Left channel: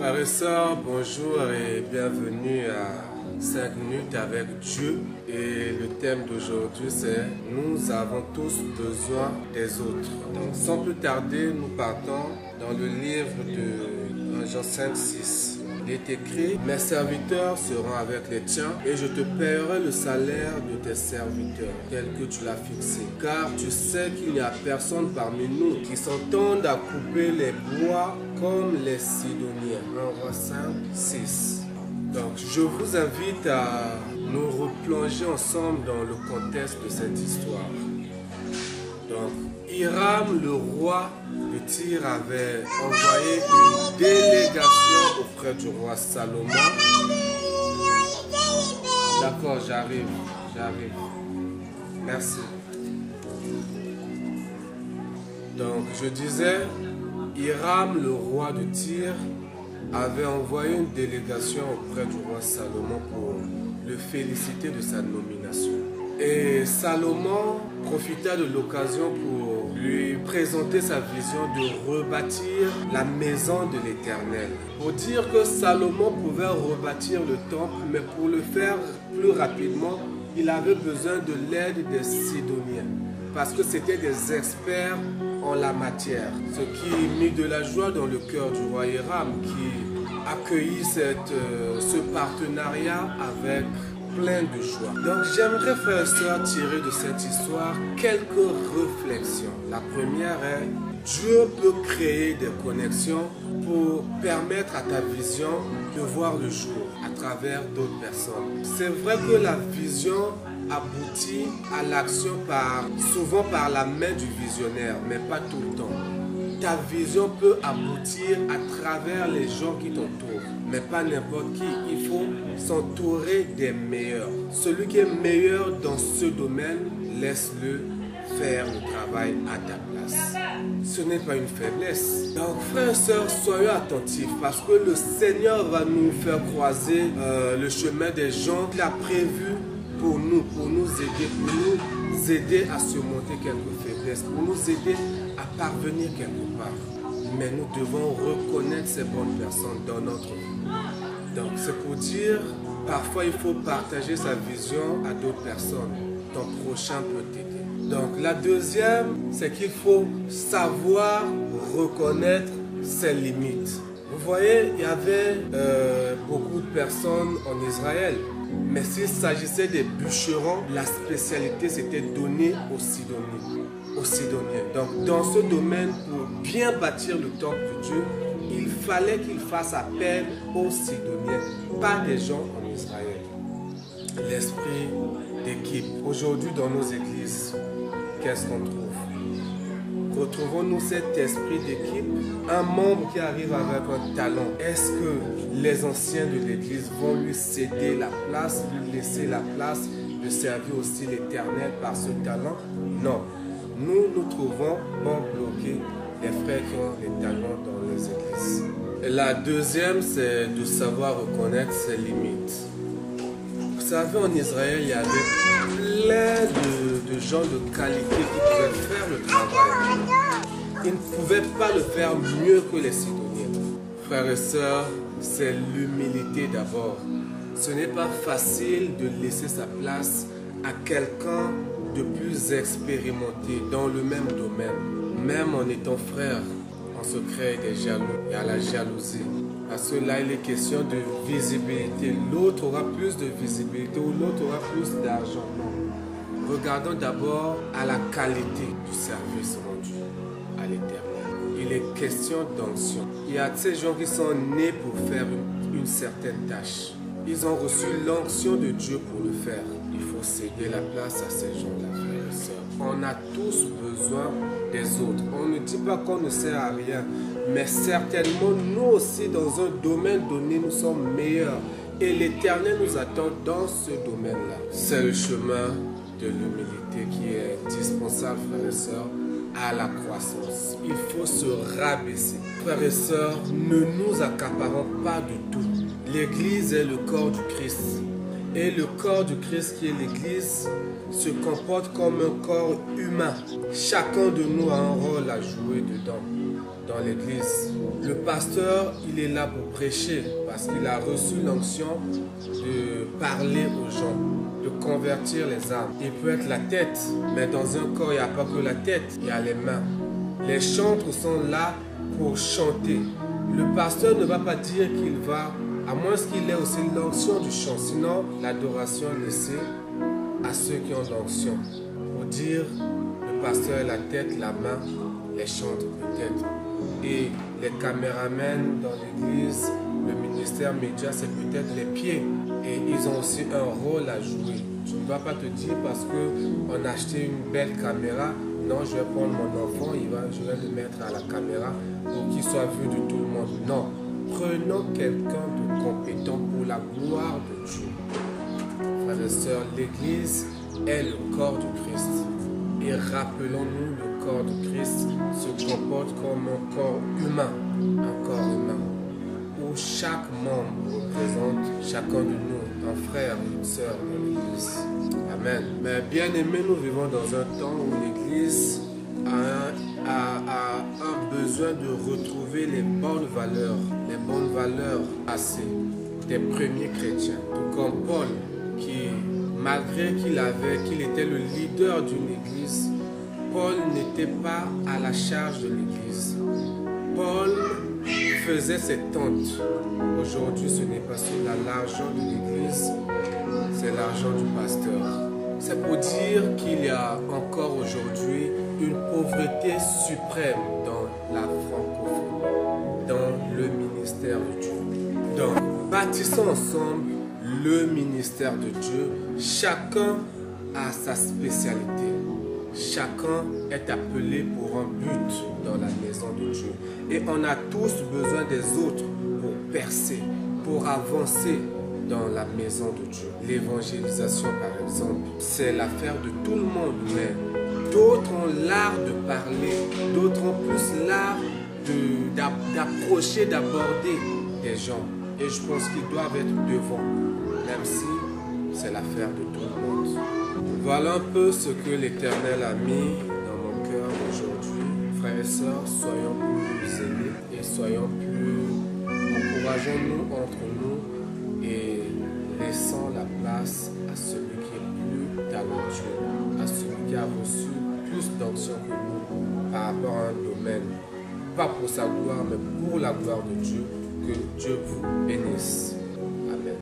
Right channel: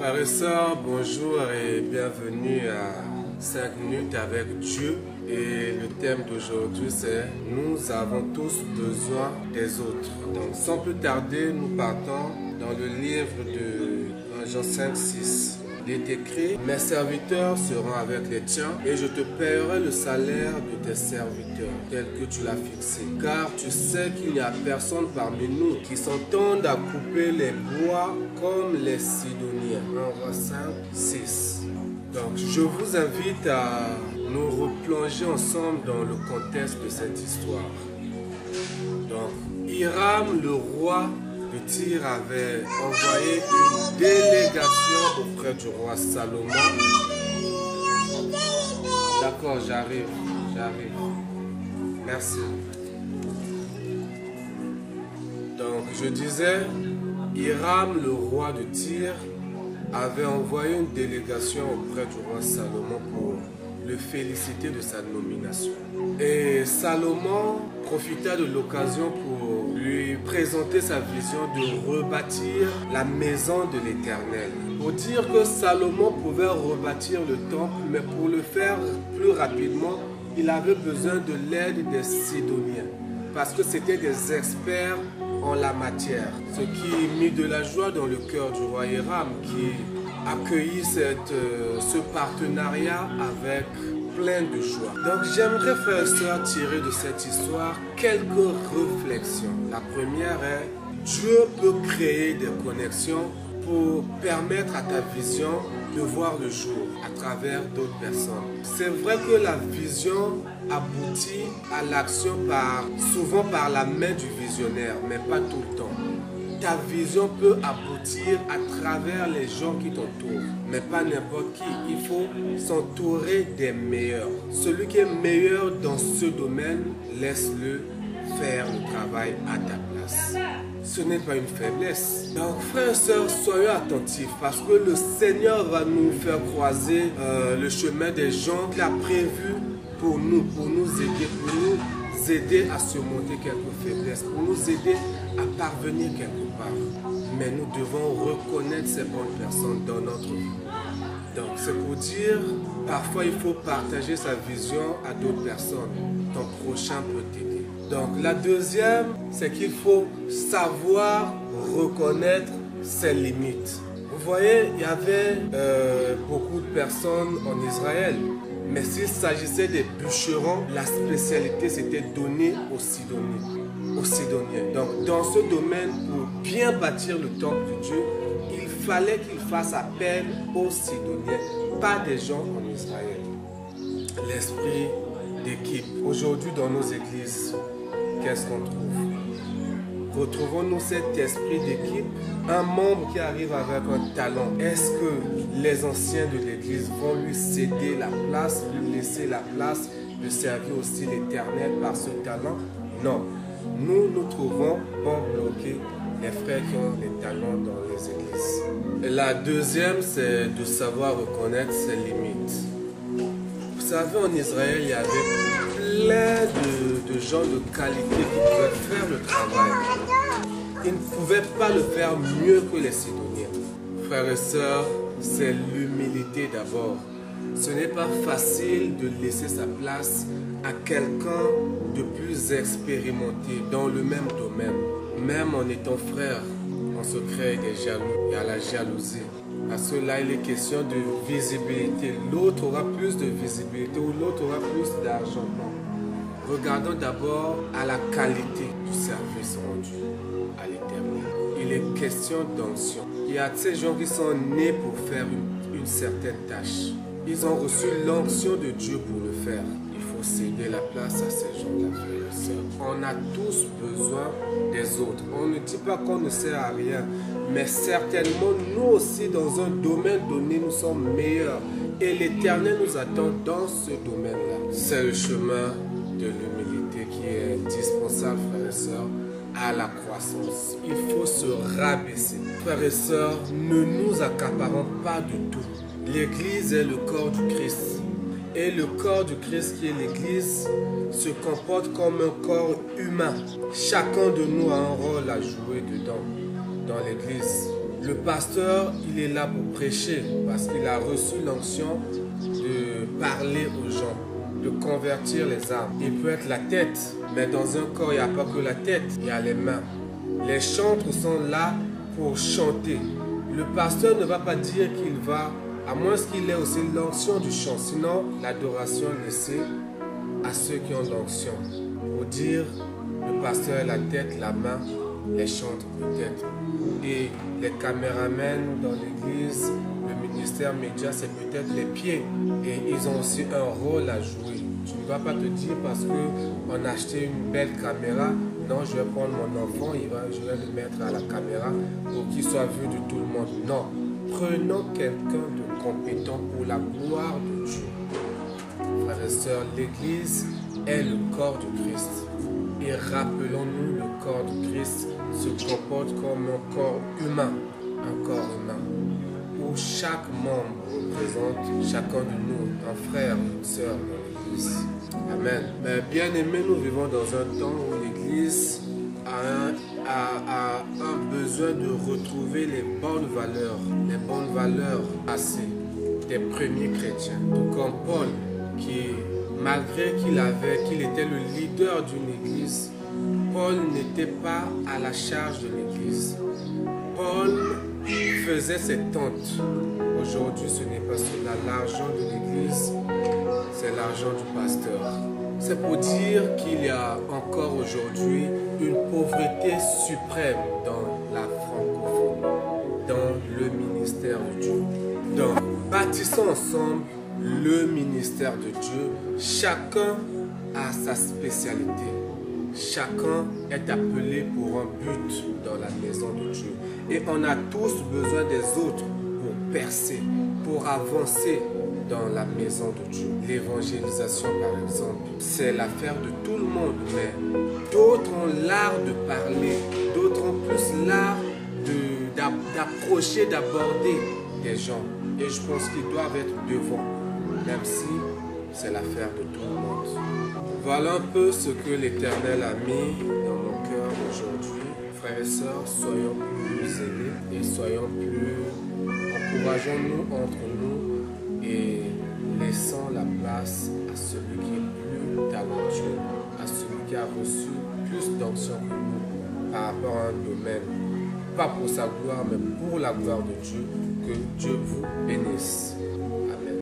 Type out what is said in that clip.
Frères et sœurs, bonjour et bienvenue à 5 minutes avec Dieu. Et le thème d'aujourd'hui c'est « Nous avons tous besoin des autres ». Donc sans plus tarder, nous partons dans le livre de Jean 5, 6. Il est écrit « Mes serviteurs seront avec les tiens et je te paierai le salaire de tes serviteurs tel que tu l'as fixé. Car tu sais qu'il n'y a personne parmi nous qui s'entende à couper les bois comme les Sidoniens. » Roi 5, 6. Donc je vous invite à nous replonger ensemble dans le contexte de cette histoire. Donc Hiram, le roi de Tyr, avait envoyé une délégation auprès du roi Salomon. D'accord, j'arrive. Merci. Donc je disais, Hiram, le roi de Tyr, avait envoyé une délégation auprès du roi Salomon pour le féliciter de sa nomination. Et Salomon profita de l'occasion pour lui présenter sa vision de rebâtir la maison de l'Éternel. Pour dire que Salomon pouvait rebâtir le temple, mais pour le faire plus rapidement, il avait besoin de l'aide des Sidoniens, parce que c'était des experts en la matière. Ce qui mit de la joie dans le cœur du roi Hiram, qui accueillit ce partenariat avec plein de joie. Donc j'aimerais, frères et sœurs, tirer de cette histoire quelques réflexions. La première est: Dieu peut créer des connexions pour permettre à ta vision de voir le jour à travers d'autres personnes. C'est vrai que la vision aboutit à l'action souvent par la main du visionnaire, mais pas tout le temps. Ta vision peut aboutir à travers les gens qui t'entourent, mais pas n'importe qui. Il faut s'entourer des meilleurs. Celui qui est meilleur dans ce domaine, laisse-le faire le travail à ta place. Ce n'est pas une faiblesse. Donc frères et sœurs, soyons attentifs, parce que le Seigneur va nous faire croiser le chemin des gens qu'il a prévus pour nous aider à surmonter quelques faiblesses, pour nous aider à parvenir quelque part. Mais nous devons reconnaître ces bonnes personnes dans notre vie. Donc c'est pour dire, parfois il faut partager sa vision à d'autres personnes. Ton prochain peut t'aider. Donc la deuxième, c'est qu'il faut savoir reconnaître ses limites. Vous voyez, il y avait beaucoup de personnes en Israël. Mais s'il s'agissait des bûcherons, la spécialité c'était donnée aux Sidoniens. Donc dans ce domaine, pour bien bâtir le temple de Dieu, il fallait qu'il fasse appel aux Sidoniens, pas des gens en Israël. L'esprit d'équipe. Aujourd'hui dans nos églises, qu'est-ce qu'on trouve? Retrouvons-nous cet esprit d'équipe? Un membre qui arrive avec un talent, est-ce que les anciens de l'église vont lui céder la place, lui laisser la place de servir aussi l'Éternel par ce talent? Non. Nous trouvons bon bloquer les frères qui ont les talents dans les églises. Et la deuxième, c'est de savoir reconnaître ses limites. Vous savez, en Israël, il y avait plein de gens de qualité qui pouvaient faire le travail. Ils ne pouvaient pas le faire mieux que les Sidoniens. Frères et sœurs, c'est l'humilité d'abord. Ce n'est pas facile de laisser sa place à quelqu'un de plus expérimenté dans le même domaine. Même en étant frère, on se crée des jaloux. Il y a la jalousie. Parce que là, il est question de visibilité. L'autre aura plus de visibilité ou l'autre aura plus d'argent. Non. Regardons d'abord à la qualité du service rendu à l'Éternel. Il est question d'onction. Il y a ces gens qui sont nés pour faire une certaine tâche. Ils ont reçu l'onction de Dieu pour le faire. Il faut céder la place à ces gens-là, frères et sœurs. On a tous besoin des autres. On ne dit pas qu'on ne sert à rien, mais certainement nous aussi dans un domaine donné, nous sommes meilleurs. Et l'Éternel nous attend dans ce domaine-là. C'est le chemin de l'humilité qui est indispensable, frères et sœurs, à la croissance. Il faut se rabaisser. Frères et sœurs, ne nous accaparons pas de tout. L'Église est le corps du Christ. Et le corps du Christ qui est l'Église se comporte comme un corps humain. Chacun de nous a un rôle à jouer dedans, dans l'Église. Le pasteur, il est là pour prêcher parce qu'il a reçu l'onction de parler aux gens, de convertir les âmes. Il peut être la tête, mais dans un corps, il n'y a pas que la tête, il y a les mains. Les chantres sont là pour chanter. Le pasteur ne va pas dire qu'il va, à moins qu'il ait aussi l'onction du chant, sinon l'adoration est laissée à ceux qui ont l'onction. Pour dire, le pasteur est la tête, la main, les chantres peut-être. Et les caméramens dans l'église, le ministère média, c'est peut-être les pieds. Et ils ont aussi un rôle à jouer. Tu ne vas pas te dire parce qu'on a acheté une belle caméra, non, je vais prendre mon enfant, je vais le mettre à la caméra pour qu'il soit vu de tout le monde. Non, prenons quelqu'un de compétent pour la gloire de Dieu. Frères et sœurs, l'église est le corps de Christ. Et rappelons-nous, le corps de Christ se comporte comme un corps humain, où chaque membre représente chacun de nous, un frère ou une sœur dans l'église. Amen. Mais bien aimés, nous vivons dans un temps où l'église a un besoin de retrouver les bonnes valeurs passées des premiers chrétiens. Tout comme Paul, qui malgré qu'il était le leader d'une église, Paul n'était pas à la charge de l'église. Paul faisait ses tentes. Aujourd'hui, ce n'est pas l'argent de l'église, c'est l'argent du pasteur. C'est pour dire qu'il y a encore aujourd'hui une pauvreté suprême dans la francophonie, dans le ministère de Dieu. Donc, bâtissons ensemble le ministère de Dieu. Chacun a sa spécialité. Chacun est appelé pour un but dans la maison de Dieu. Et on a tous besoin des autres pour percer, pour avancer dans la maison de Dieu. L'évangélisation, par exemple, c'est l'affaire de tout le monde, mais d'autres ont l'art de parler, d'autres ont plus l'art d'approcher, d'aborder des gens. Et je pense qu'ils doivent être devant, même si c'est l'affaire de tout le monde. Voilà un peu ce que l'Éternel a mis dans mon cœur aujourd'hui. Frères et sœurs, soyons plus zélés et soyons plus... Encourageons-nous entre nous et laissons la place à celui qui est plus talentueux, à celui qui a reçu plus d'onction que nous par rapport à un domaine. Pas pour sa gloire, mais pour la gloire de Dieu. Que Dieu vous bénisse.